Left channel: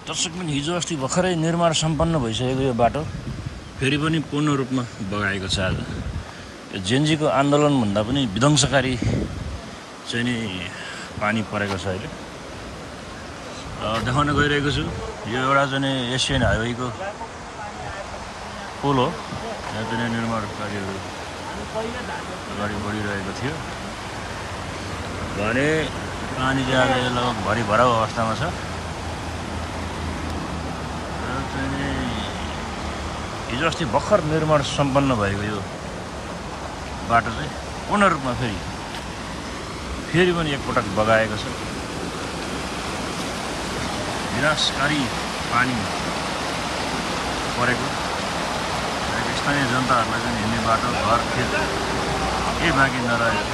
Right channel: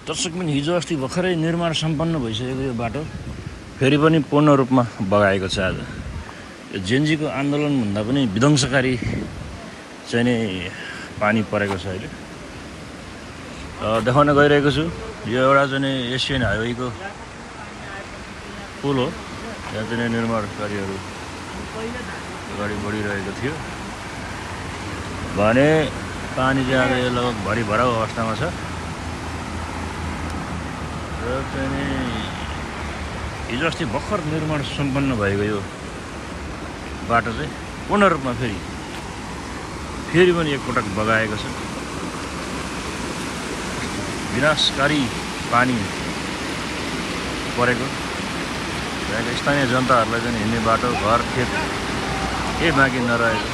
दर्शक पनि हिजो अस्ति भर्खरै निर्माण सम्पन्न भइसकेको यो बाटो फेरि पनि पूर्ण रूपमा बगाएको छ। आज यो जेनजीको आन्दोलन भन्दा पनि विध्वंसकारी चाहिँ नि पानी परेको छ अहिले। देखाउन गइरहेको छु यो एउटा चाहिँ एसियन हाइवेको पुल हो। यहाँ चाहिँ निर्माण कार्यहरू अगाडि बढिरहेको थियो भने पानी चाहिँ आज लगभग भरि भराउ अवस्थामा छ। र चाहिँ हिजो अस्ति भर्खर निर्माण सम्पन्न भएको यो बाटो चाहिँ पूर्ण रूपमा फेरि पनि एकपटक बगाएको छ। विनाशकारी पानी परेको यहाँको स्थानीय जनताहरूलाई चाहिँ हिँड्ने बाटो घर खेत केही बाँकी नरहेको।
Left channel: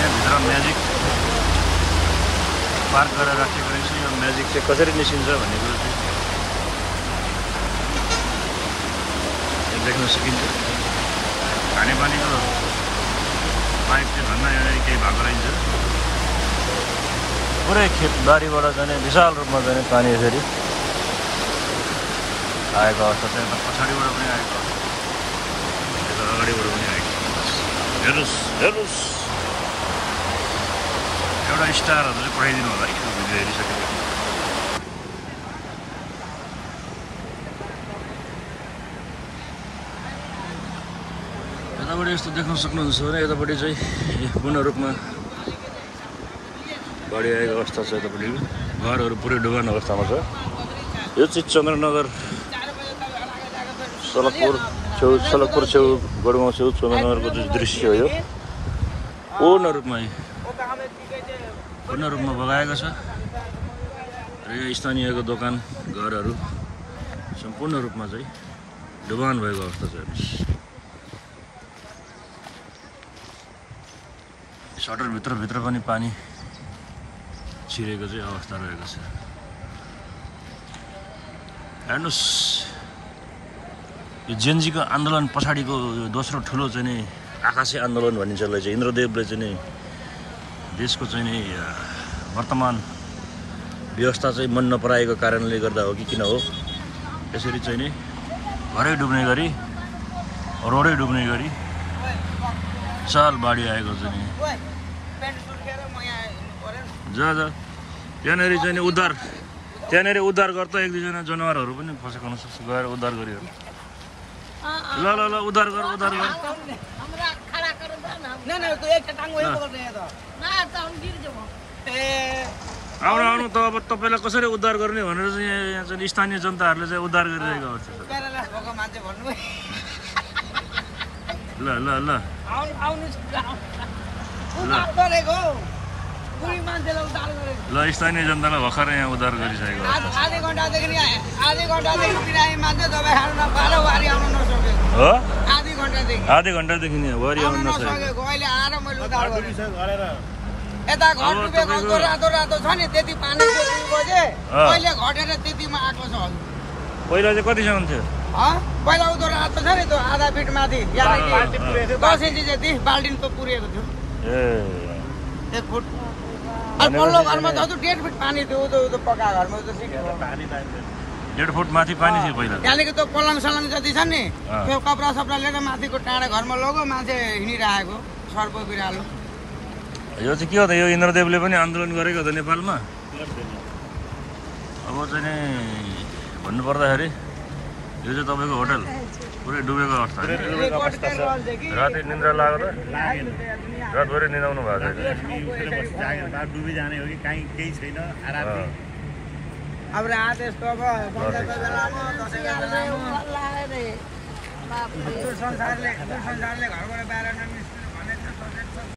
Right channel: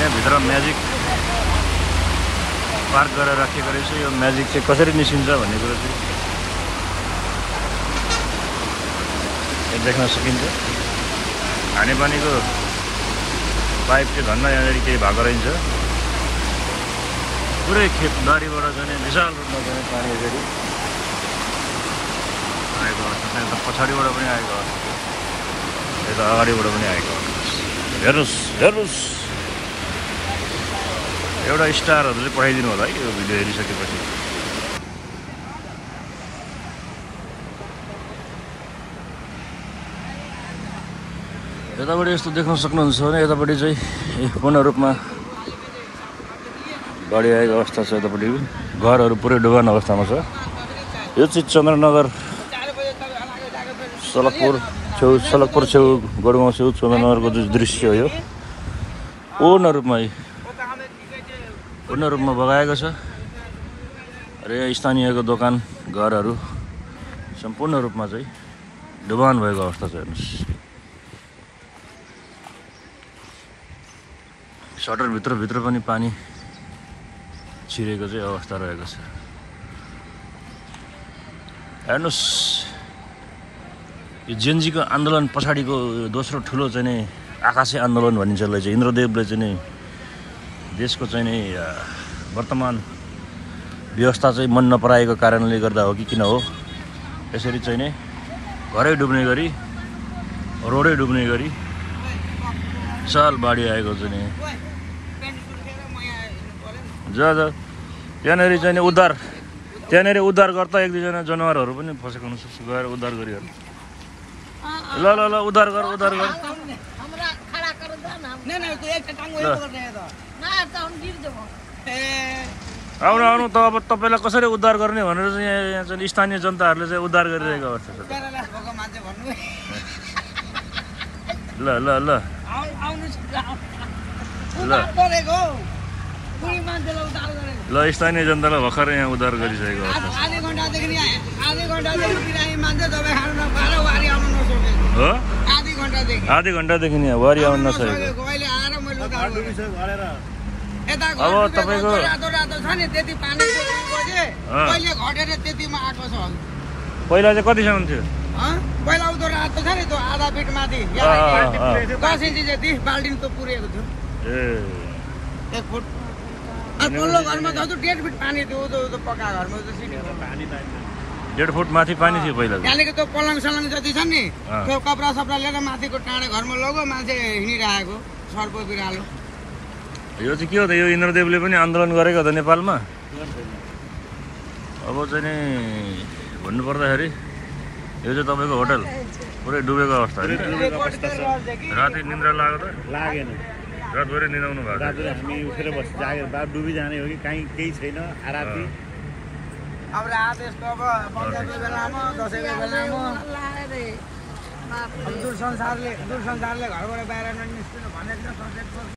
यहाँभित्र म्याजिक पार्क गरेर राखेको रहेछ। यो म्याजिक चाहिँ कसरी निस्किन्छ भन्ने कुरो चाहिँ देख्न सकिन्छ। खानेपानीको पाइप चाहिँ धन्न यहाँनिर केही भएको रहेछ। पुरै खेतबारीबाट जाने विशाल रूपमा जाने पानी यसरी आएको अवस्था छ। यता पछाडिबाट पनि आएको अवस्था, यता अगाडिबाट पनि आएको अवस्था। हेर्नुहोस् हेर्नुहोस्, एउटा स्टारहरू चाहिँ पठाइदिनु होला है यो भिडियो हेरिसकेपछि। यतापट्टि यस्तो देख्न सक्नुहुन्छ भने यतापट्टि चाहिँ पूर्ण रूपमा गाडी आएको अवस्था छ। यतापट्टि घरहरू पुरै डुबान अवस्थामा छ। यो चाहिँ चन्द्रनगर सलकपुर छेउ बडुमा छेउ चन्द्रनगरको दृश्य हो। पूर्ण रूपमा बगाएको छ। र यहाँ स्थानीयको दोकान घरहरू सम्पूर्ण रूपमा चाहिँ डुबान भएको अवस्था छ। हेर्नुहोस्, सटरभित्र पनि पानी छिरेको चाहिँ अवस्था रहेको छ। हेर्नुहोस्, यो जेनजीको आन्दोलन पछाडिको दोस्रो ठुलो चाहिँ नि आकाशे आन्दोलन भनिन्छ। यसलाई चाहिँ इन्द्रदेवले चाहिँ नि देशको चाहिँ नि वर्तमान व्यवस्था चाहिँ मन नपराएको कारणले गर्दा हो कि किन हो यसरी चाहिँ नि घरै डुब्ने गरी रोडै डुब्ने गरी विशाल बाढी आएको चाहिँ नि त्यहाँनिर चाहिँ नि उद्धार गर्दा एक दुईजना जनावरहरू पनि फसेको हुनसक्छ। गएर उद्धार गरिहाल्नु। ल ल ल उद्धार गर। आउनु त अब तपाईँलाई कसरी उद्धार गर्ने भनेर चाहिँ यहाँ चाहिँ स्थानीय जनताहरूले चाहिँ उद्धार गरिरहेको अवस्था छ। ल ल ल ल स्थानीय जनतालाई भर्खरै यहाँ उद्धार गरिसकेको अवस्था हो। आधी घन्टादेखि यहाँ वारी आउनु नसकेको। अब तपाईँको पहिला चाहिँ कतिसम्म थियो? पहिला उदो रातो छ नि, त्यो आधा फिट माथि 10 इन्ची जति बाल्टिन त पुरेको थियो। 1 फुट। पल्लो घरमा त 1.5 फिट पानी थियो। पक्का घरमा त 1.5 फुट माथि पानी थियो पहिला। त्यहाँदेखि त्यो पलङ सलङ जति छ नि त्यो कपडा सपडा लिएर माथिको टाढा घरमा लग्यो। मान्छे हिँडिरहेको सर्प बिरालो। यो चाहिँ के हो त? यो इन्द्रदेवले पनि आन्दोलन गरेको त नेपालमा। अब चाहिँ नि भन्नुपर्दाखेरि यो चाहिँ तपाईँको होटल पुरै डुबेको अवस्था होइन। राति निन्द्रा लाग्यो त? रातभरि निदाउनु भएको छ। संसारले घरबाट बाहिर